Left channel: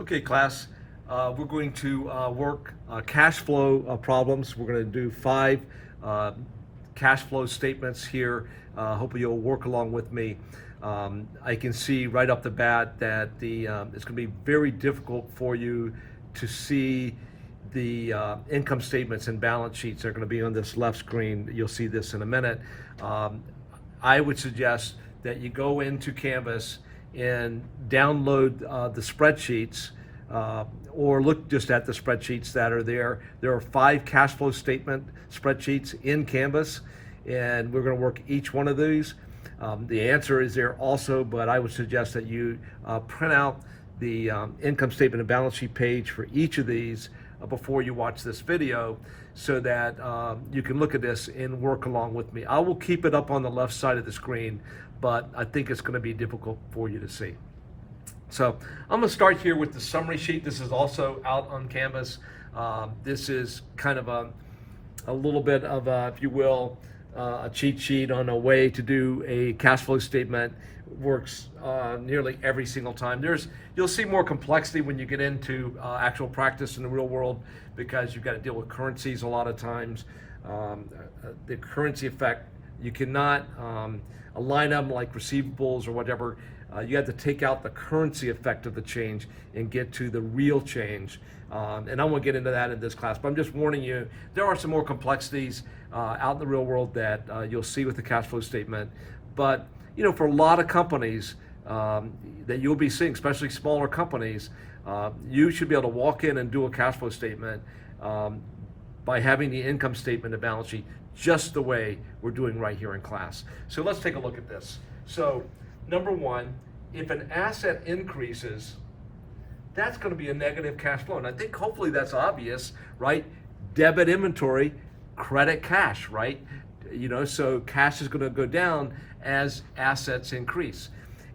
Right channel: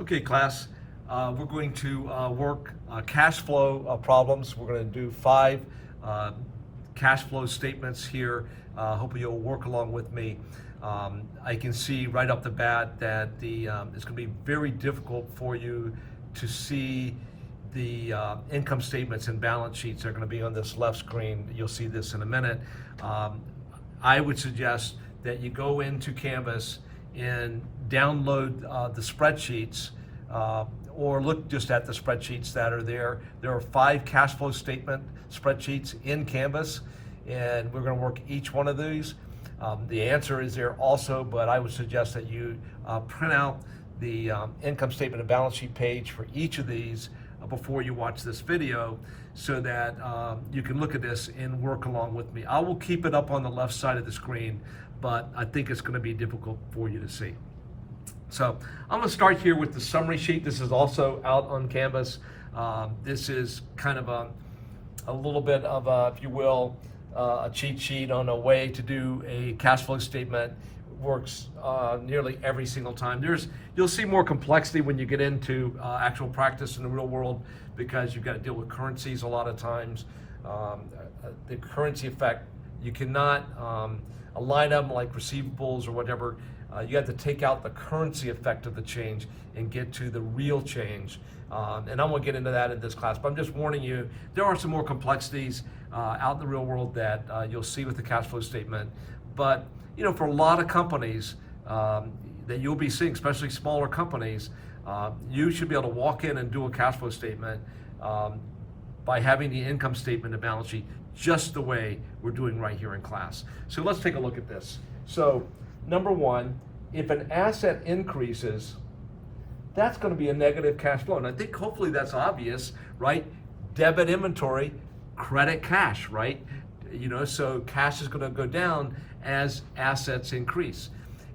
Okay, class, we're going to work cash flow problems. We're going to do 5 cash flow statements here. Hopefully you'll work along with me. I can see right off the bat that it's going to be very difficult for you to see the income statements and balance sheets. They're going to be on this left screen. You'll see this in a minute. I would suggest that you go into Canvas and download the spreadsheets, or look just at the spreadsheets that are there. There are 5 cash flow statement spreadsheets in Canvas, and we're going to work each one of these. The answer is there also, but I would suggest that you print out the income statement and balance sheet page for each of these before you watch this video, so that you can look at this and work along with me. I will keep it up on the left side of the screen, but I think it's going to be difficult for you to see. So I'm going to start here with the summary sheet. This is also out on Canvas. This is kind of a little bit of a, if you will, a cheat sheet on a way to do a cash flow statement. Works nearly every single time. You'll see more complexity when you get into actual practice in the real world, because you've got to deal with currencies a lot of times. The currency effect, you cannot a line item like receivables or whatever, you have to take out the currency effect of the change and get to the real change. And I won't get into that in this class, but I'm just warning you, there are some more complexities out in the real world that you'll see with the cash flow statement. But you know, for a lot of companies that you'll be seeing, especially smaller companies, you should be able to walk in and do a cash flow statement by having the income statement and balance sheet just the way we're doing right here in class. So let's take a look at this. So number 1, if an asset increases, that's going to be a negative cash flow. And I think hopefully that's obvious, right? Debit inventory, credit cash, right? You know, so cash is going to go down as assets increase.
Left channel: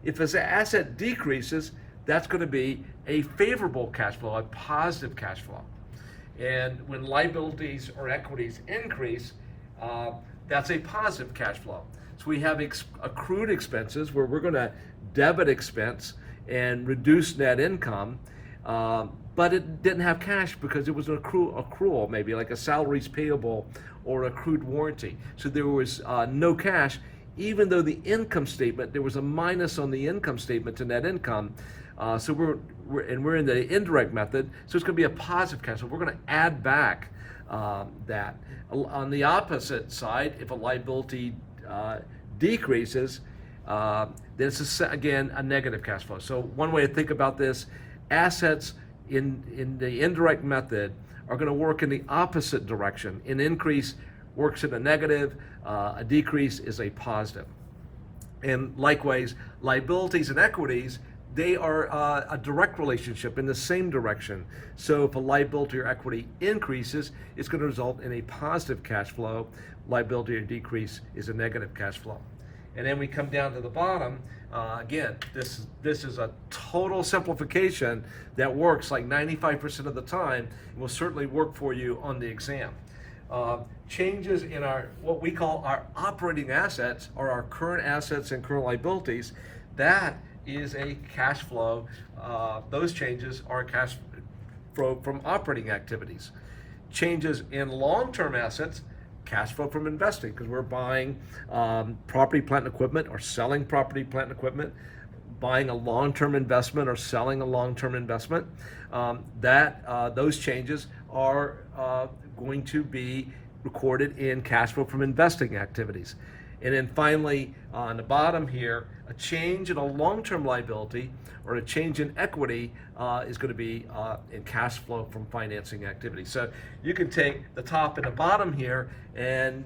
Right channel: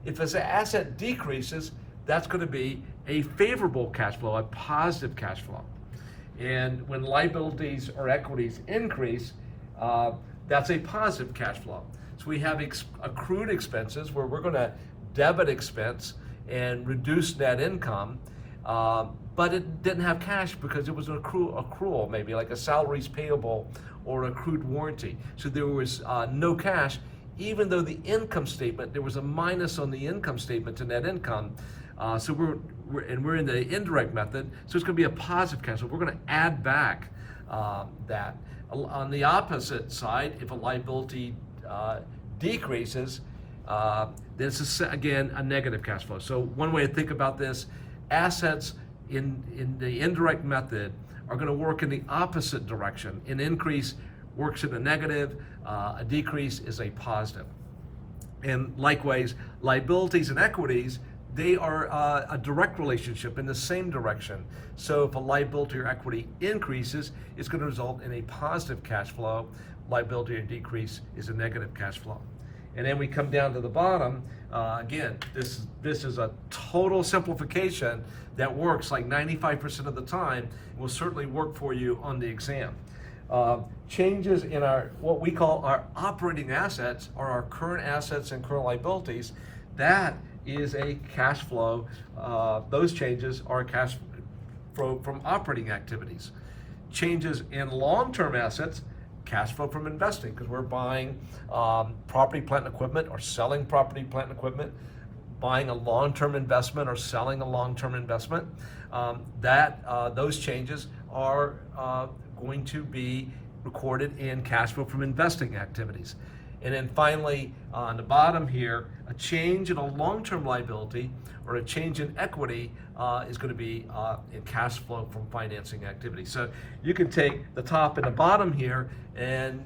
If an asset decreases, that's going to be a favorable cash flow, a positive cash flow. And when liabilities or equities increase, that's a positive cash flow. So we have accrued expenses, where we're going to debit expense and reduce net income, but it didn't have cash because it was an accrual, maybe like a salaries payable or accrued warranty. So there was no cash, even though the income statement, there was a minus on the income statement to net income. So we're in the indirect method, so it's going to be a positive cash flow. We're going to add back that. On the opposite side, if a liability decreases, this is again a negative cash flow. So one way to think about this, assets in the indirect method are going to work in the opposite direction. An increase works in a negative, a decrease is a positive. And likewise, liabilities and equities, they are a direct relationship in the same direction. So if a liability or equity increases, it's going to result in a positive cash flow. Liability or decrease is a negative cash flow. And then we come down to the bottom. Again, this is a total simplification that works like 95% of the time. It will certainly work for you on the exam. Changes in our, what we call our operating assets, or our current assets and current liabilities, that is a cash flow. Those changes are cash flow from operating activities. Changes in long-term assets, cash flow from investing, because we're buying property, plant, and equipment, or selling property, plant, and equipment, buying a long-term investment or selling a long-term investment. Those changes are going to be recorded in cash flow from investing activities. And then finally, on the bottom here, a change in a long-term liability or a change in equity is going to be in cash flow from financing activity. So you can take the top and the bottom here, and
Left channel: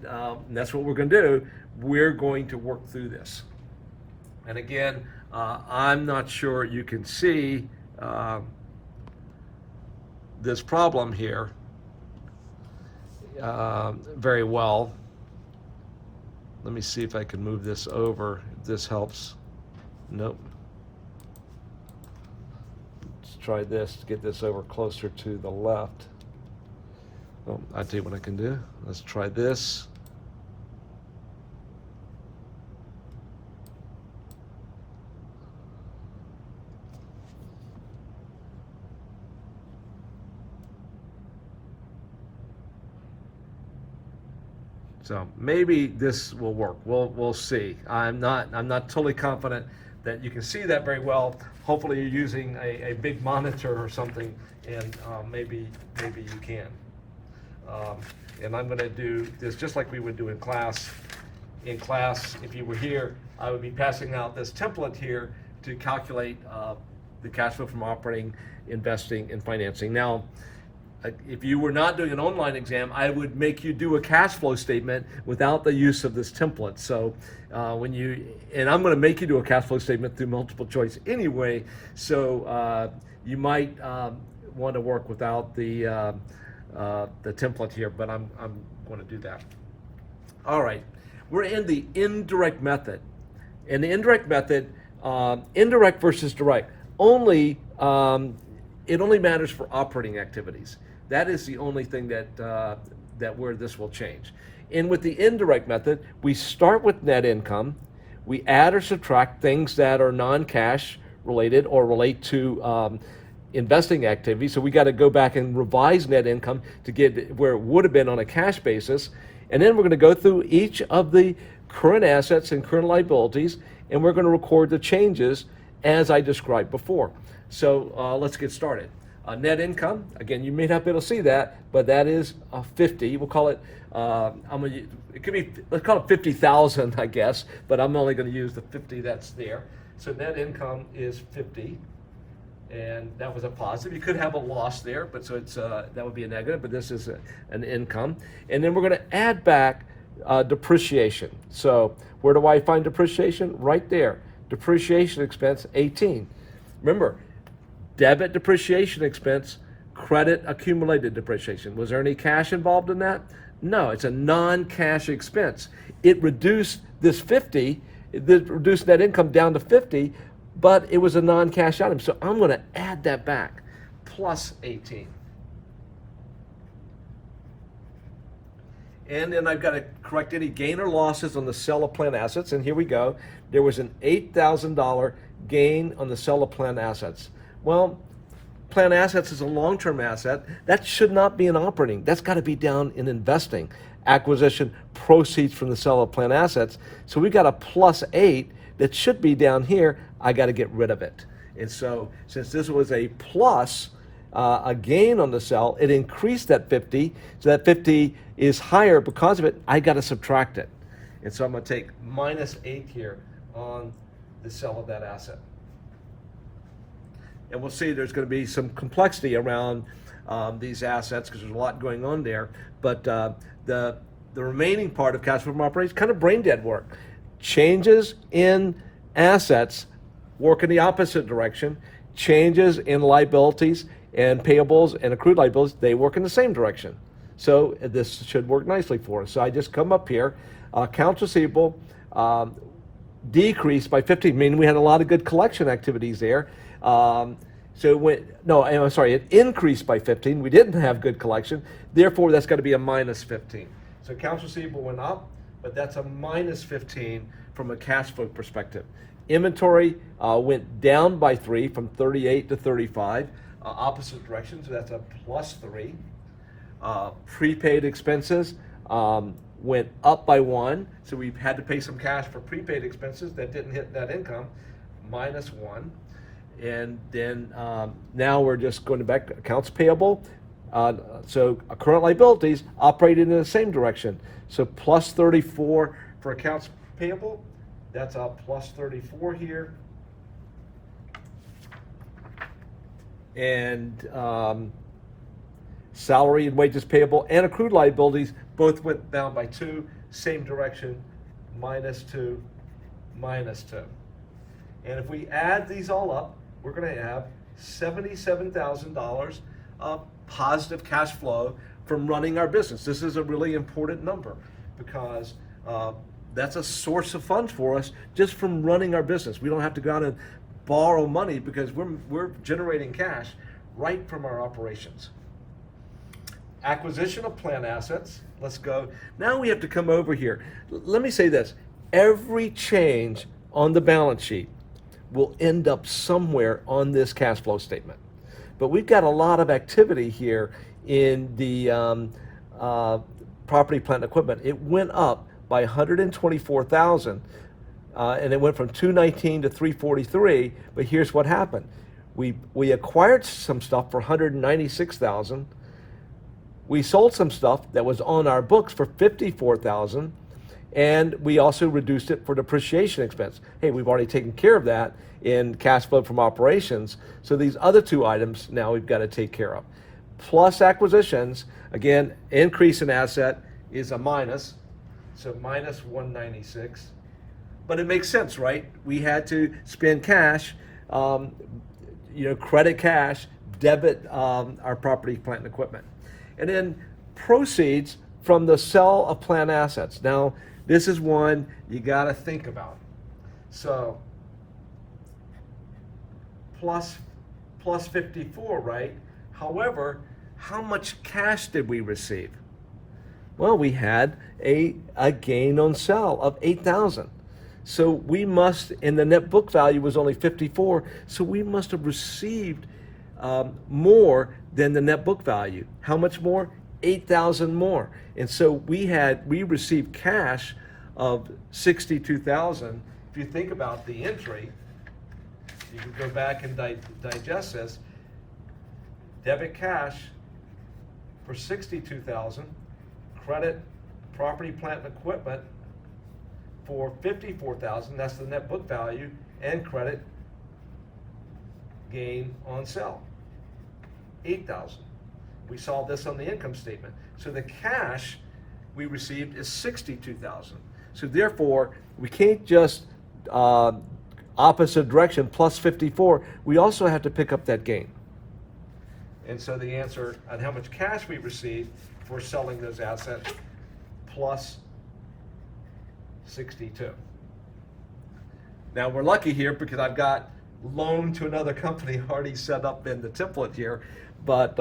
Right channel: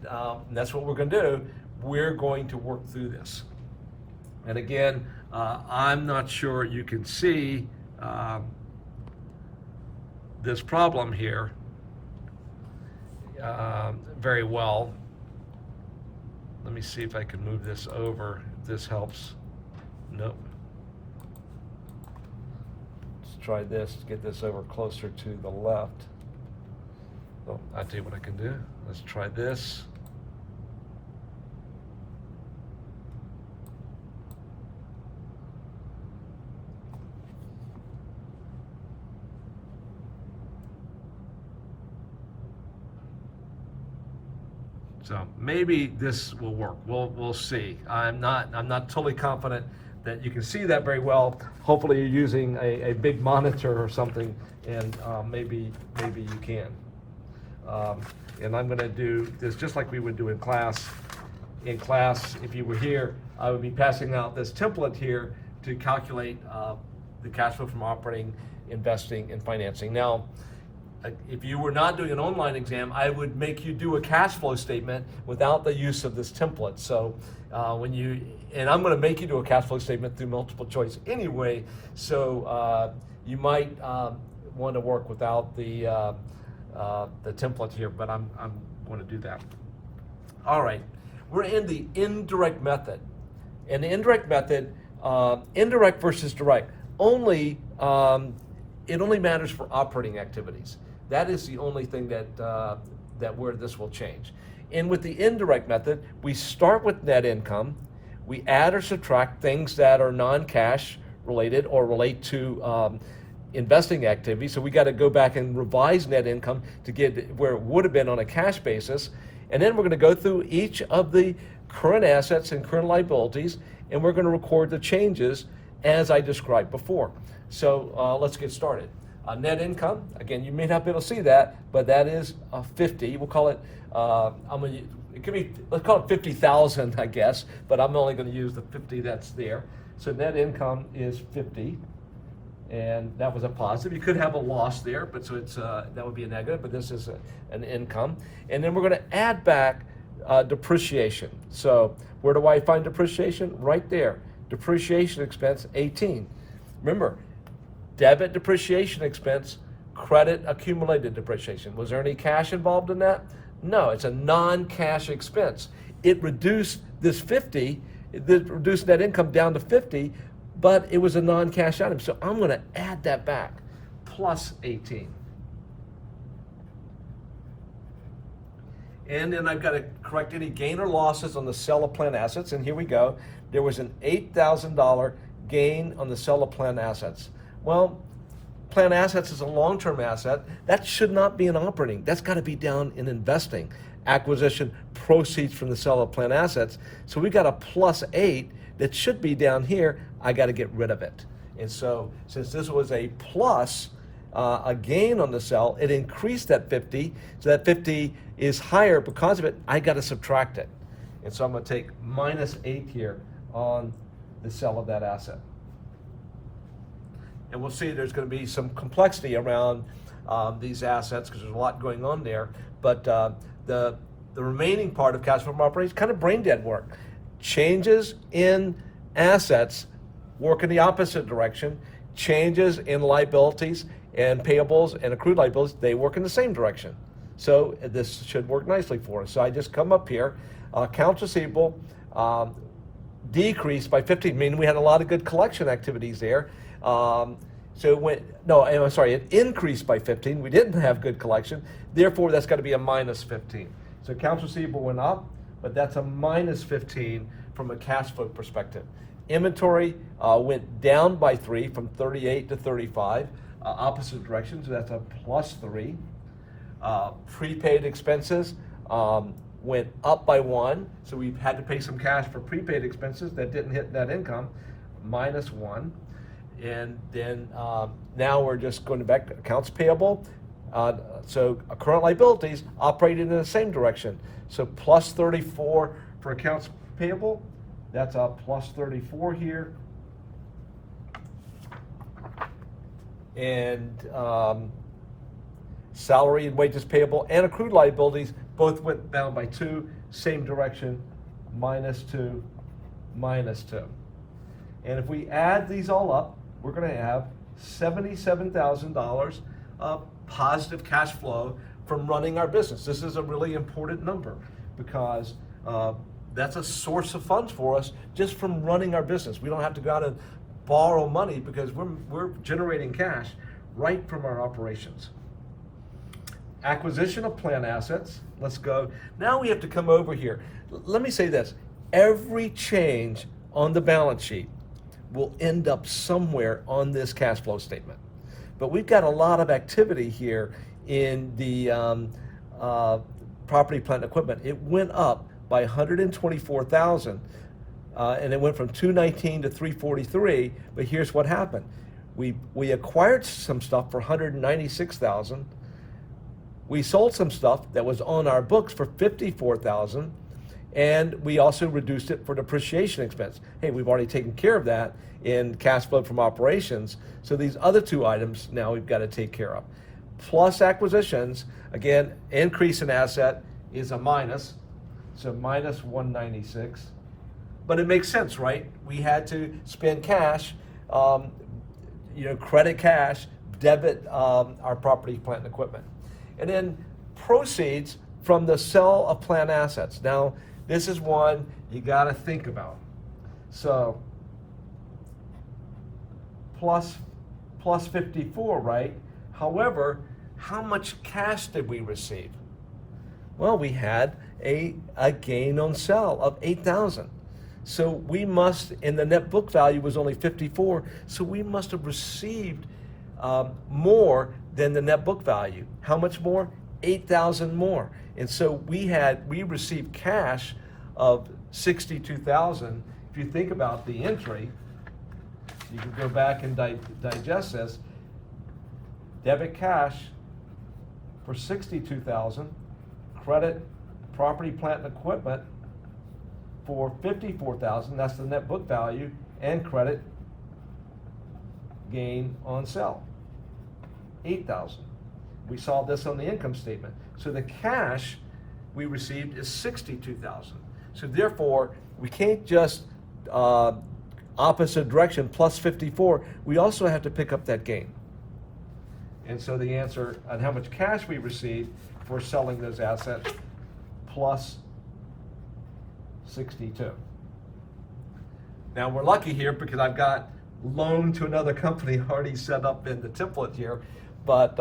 that's what we're going to do. We're going to work through this. And again, I'm not sure you can see this problem here very well. Let me see if I can move this over, if this helps. Nope. Let's try this, get this over closer to the left. Oh, I'll tell you what I can do. Let's try this. So maybe this will work. We'll see. I'm not totally confident that you can see that very well. Hopefully you're using a big monitor or something, and maybe you can. And I'm going to do this just like we would do in class. In class, if you were here, I would be passing out this template here to calculate the cash flow from operating, investing, and financing. Now, if you were not doing an online exam, I would make you do a cash flow statement without the use of this template. So and I'm going to make you do a cash flow statement through multiple choice anyway, so you might want to work without the template here, but I'm going to do that. All right, we're in the indirect method. In the indirect method, indirect versus direct, it only matters for operating activities. That is the only thing that where this will change. And with the indirect method, we start with net income, we add or subtract things that are non-cash related or relate to investing activity. So we got to go back and revise net income to get where it would have been on a cash basis. And then we're going to go through each of the current assets and current liabilities, and we're going to record the changes as I described before. So let's get started. Net income, again, you may not be able to see that, but that is 50. We'll call it, it could be, let's call it 50,000, I guess, but I'm only going to use the 50 that's there. So net income is 50, and that was a positive. You could have a loss there, but so it's that would be a negative, but this is an income. And then we're going to add back depreciation. So where do I find depreciation? Right there. Depreciation expense, 18. Remember, debit depreciation expense, credit accumulated depreciation. Was there any cash involved in that? No, it's a non-cash expense. It reduced this 50, it reduced net income down to 50, but it was a non-cash item. So I'm going to add that back, plus 18. And then I've got to correct any gain or losses on the sale of plant assets. And here we go. There was an $8,000 gain on the sale of plant assets. Well, plant assets is a long-term asset. That should not be in operating. That's got to be down in investing. Acquisition proceeds from the sale of plant assets. So we've got a plus 8 that should be down here. I got to get rid of it. And so since this was a plus, a gain on the sale, it increased that 50. So that 50 is higher because of it. I got to subtract it. And so I'm going to take minus 8 here on the sale of that asset. And we'll see there's going to be some complexity around these assets because there's a lot going on there. But the remaining part of cash flow from operations, kind of brain dead work. Changes in assets work in the opposite direction. Changes in liabilities and payables and accrued liabilities, they work in the same direction. So this should work nicely for us. So I just come up here, accounts receivable decreased by 15, meaning we had a lot of good collection activities there. It increased by 15. We didn't have good collection. Therefore, that's got to be a minus 15. So accounts receivable went up, but that's a minus 15 from a cash flow perspective. Inventory went down by 3 from 38 to 35, opposite direction, so that's a plus 3. Prepaid expenses went up by 1, so we've had to pay some cash for prepaid expenses that didn't hit net income, minus 1. And then now we're just going back to accounts payable. So current liabilities operated in the same direction. So plus 34 for accounts payable. That's a plus 34 here. And salary and wages payable and accrued liabilities both went down by 2, same direction, minus 2, minus 2. And if we add these all up, we're going to have $77,000 of positive cash flow from running our business. This is a really important number because that's a source of funds for us just from running our business. We don't have to go out and borrow money because we're generating cash right from our operations. Acquisition of plant assets. Let's go. Now we have to come over here. Let me say this. Every change on the balance sheet will end up somewhere on this cash flow statement. But we've got a lot of activity here in the property, plant, and equipment, it went up by 124,000, and it went from 219 to 343. But here's what happened: we acquired some stuff for 196,000. We sold some stuff that was on our books for 54,000, and we also reduced it for depreciation expense. Hey, we've already taken care of that in cash flow from operations. So these other two items now we've got to take care of. Plus acquisitions, again, increase in asset is a minus, so minus 196. But it makes sense, right? We had to spend cash, credit cash, debit our property, plant, and equipment. And then proceeds from the sale of plant assets. Now, this is one you got to think about. So, plus 54, right? However, how much cash did we receive? Well, we had a gain on sale of 8,000. So we must, and the net book value was only 54, so we must have received more than the net book value. How much more? 8,000 more. And so we received cash of 62,000. If you think about the entry, you can go back and digest this. Debit cash for 62,000, credit property, plant, and equipment for 54,000. That's the net book value, and credit gain on sale, 8,000. We saw this on the income statement. So the cash we received is 62,000. So therefore, we can't just opposite direction, plus 54. We also have to pick up that gain. And so the answer on how much cash we received for selling those assets, plus 62. Now we're lucky here because I've got loan to another company already set up in the template here. But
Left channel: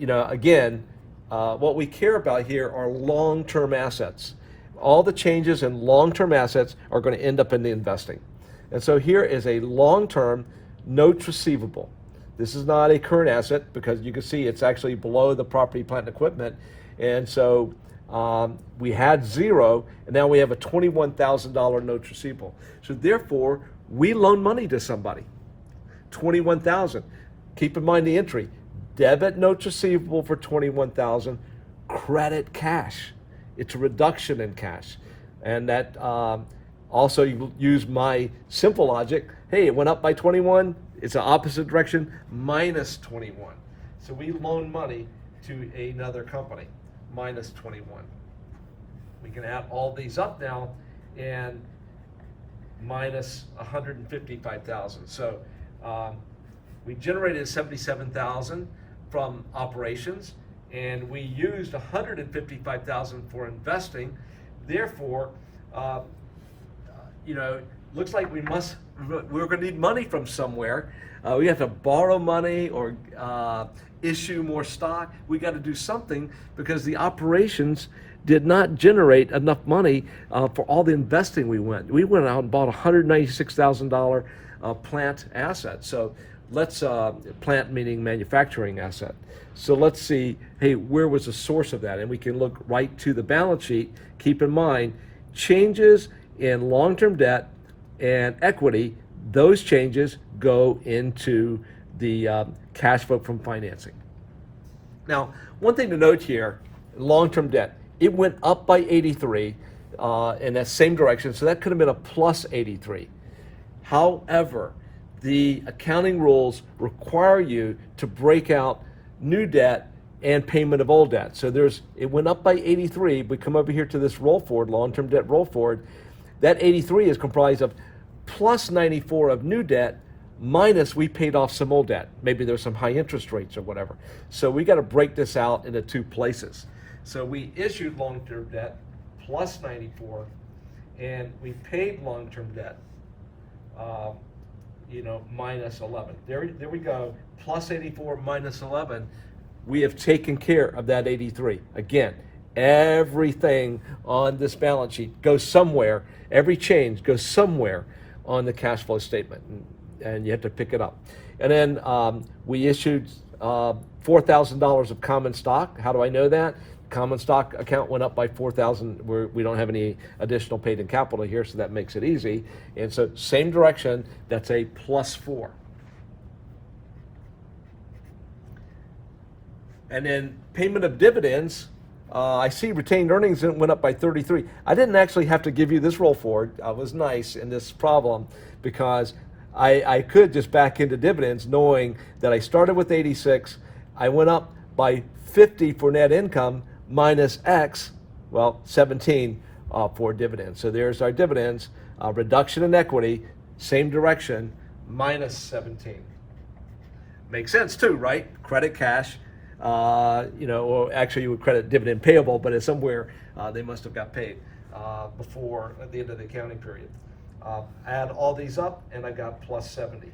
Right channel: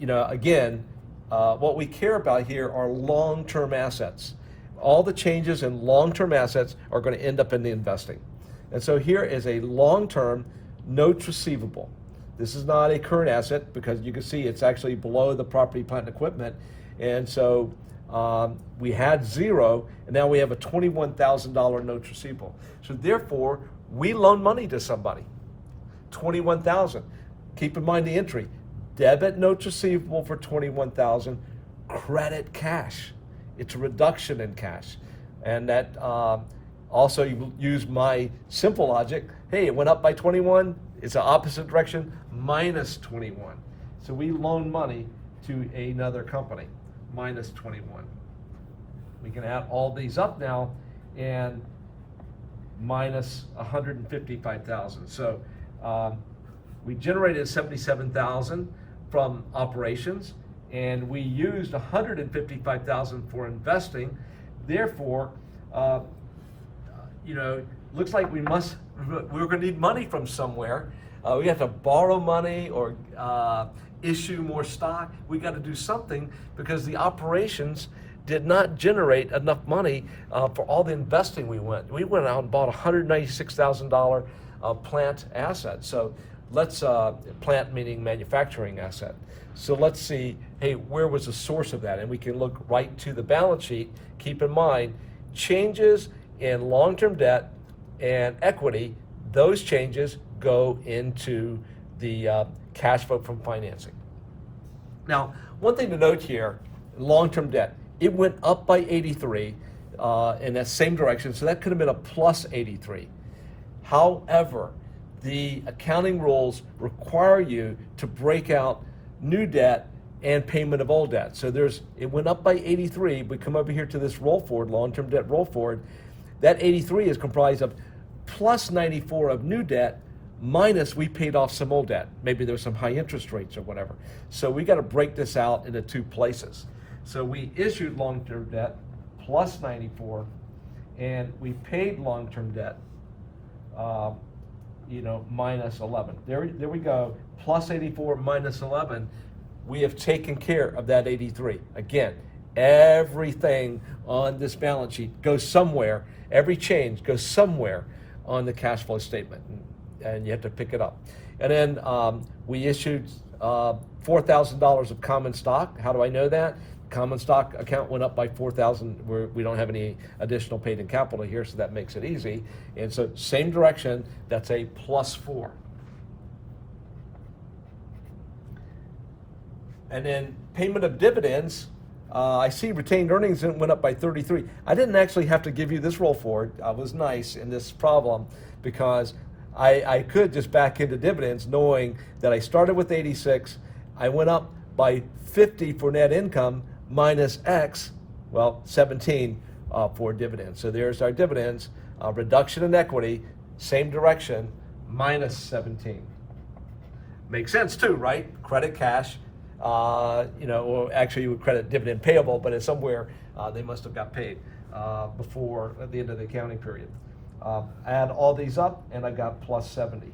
again, what we care about here are long-term assets. All the changes in long-term assets are going to end up in the investing. And so here is a long-term notes receivable. This is not a current asset because you can see it's actually below the property, plant, and equipment. And so we had zero, and now we have a $21,000 notes receivable. So therefore, we loan money to somebody, $21,000. Keep in mind the entry: debit notes receivable for $21,000, credit cash. It's a reduction in cash, and that also you use my simple logic. Hey, it went up by 21. It's the opposite direction, minus 21. So we loan money to another company, minus 21. We can add all these up now, and minus 155,000. So we generated 77,000 from operations, and we used 155,000 for investing. Therefore, looks like we're going to need money from somewhere. We have to borrow money or issue more stock. We got to do something because the operations did not generate enough money for all the investing we went. We went out and bought $196,000 plant asset. So let's, plant meaning manufacturing asset. So let's see, hey, where was the source of that? And we can look right to the balance sheet. Keep in mind, changes in long-term debt and equity, those changes go into the cash flow from financing. Now, one thing to note here, long-term debt, it went up by 83 in that same direction, so that could have been a plus 83. However, the accounting rules require you to break out new debt and payment of old debt. So it went up by 83. We come over here to this roll forward, long-term debt roll forward. That 83 is comprised of plus 94 of new debt minus we paid off some old debt. Maybe there's some high interest rates or whatever. So we got to break this out into two places. So we issued long-term debt plus 94, and we paid long-term debt minus 11. There we go, plus 84 minus 11. We have taken care of that 83. Again, everything on this balance sheet goes somewhere, every change goes somewhere on the cash flow statement, and you have to pick it up. And then we issued $4,000 of common stock. How do I know that? Common stock account went up by 4,000. We don't have any additional paid in capital here, so that makes it easy. And so same direction, that's a +4. And then payment of dividends, I see retained earnings went up by 33. I didn't actually have to give you this roll forward. I was nice in this problem because I could just back into dividends knowing that I started with 86, I went up by 50 for net income minus X, well, 17 for dividends. So there's our dividends, reduction in equity, same direction, minus 17. Makes sense too, right? Credit cash, or actually you would credit dividend payable, but it's somewhere they must have got paid before at the end of the accounting period. Add all these up and I got +70.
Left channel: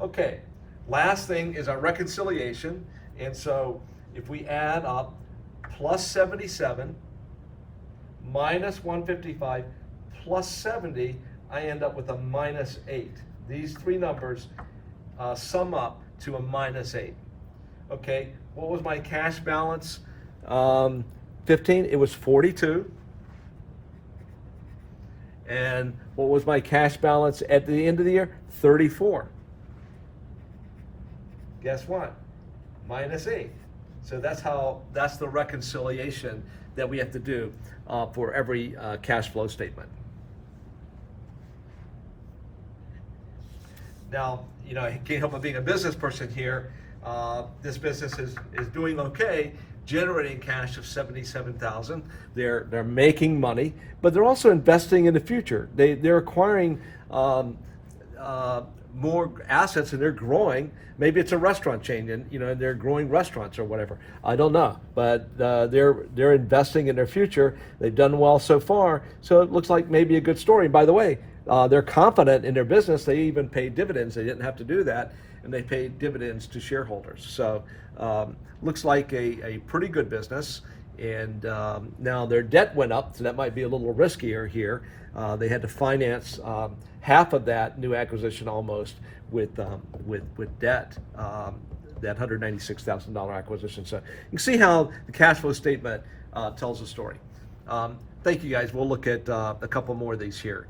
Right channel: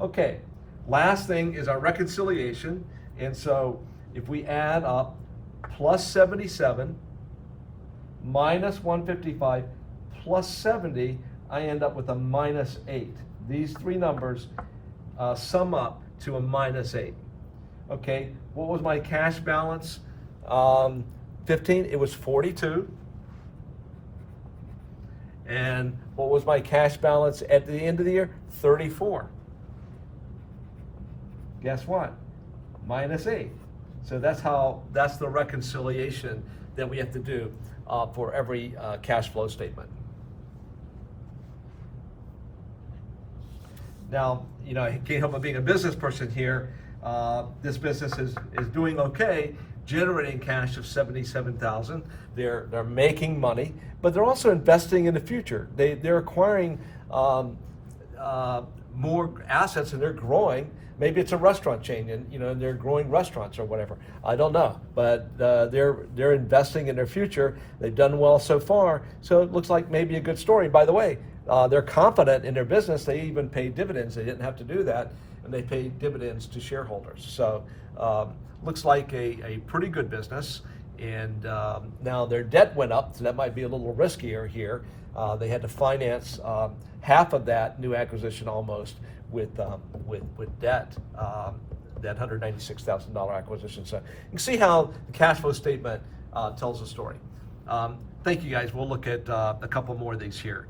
Okay, last thing is our reconciliation. And so if we add up +77 minus 155 plus 70, I end up with a -8. These three numbers sum up to a -8. Okay, what was my cash balance? 15, it was 42. And what was my cash balance at the end of the year? 34. Guess what? -8. So that's the reconciliation that we have to do for every cash flow statement. Now, I can't help but being a business person here. This business is doing okay, generating cash of $77,000. They're making money, but they're also investing in the future. They're acquiring more assets and they're growing. Maybe it's a restaurant chain and they're growing restaurants or whatever. I don't know, but they're investing in their future. They've done well so far, so it looks like maybe a good story. By the way, they're confident in their business. They even pay dividends. They didn't have to do that, and they paid dividends to shareholders. So looks like a pretty good business. And now their debt went up, so that might be a little riskier here. They had to finance half of that new acquisition almost with debt, that $196,000 acquisition. So you can see how the cash flow statement tells a story. Thank you guys. We'll look at a couple more of these here.